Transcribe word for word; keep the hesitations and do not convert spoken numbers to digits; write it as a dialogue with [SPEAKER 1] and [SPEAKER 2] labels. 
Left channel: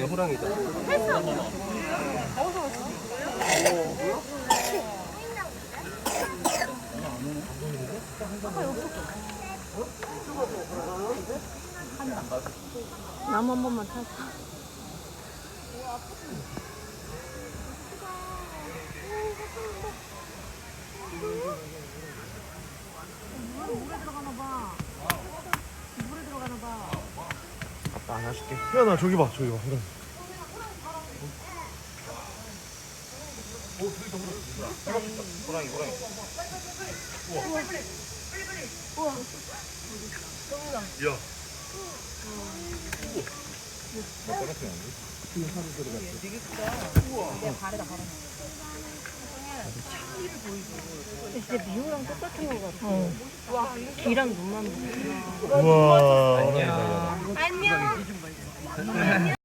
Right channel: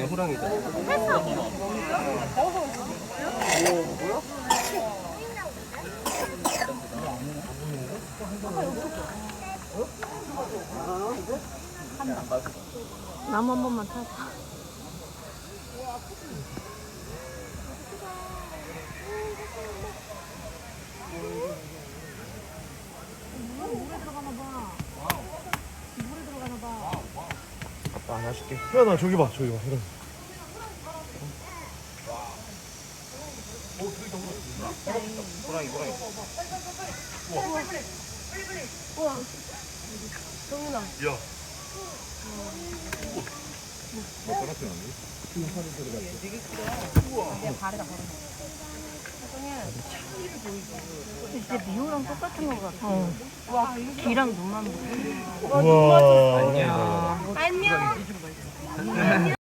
[SPEAKER 1] 호랑이다.
[SPEAKER 2] 나무 한 번만 타자. 물에 들어가나 봐. 물에 들어가나 봐.
[SPEAKER 3] 아빠 안아줄게. 희연아 저기 봐 저기 봐. 이런.
[SPEAKER 1] 호랑이 호랑이.
[SPEAKER 2] 우와. 정훈아.
[SPEAKER 3] 야.
[SPEAKER 2] 진짜 미호랑 똑같은 것 같아. 어. 귀랑 눈만 보고.
[SPEAKER 3] 우와.
[SPEAKER 2] 안녕. 안녕.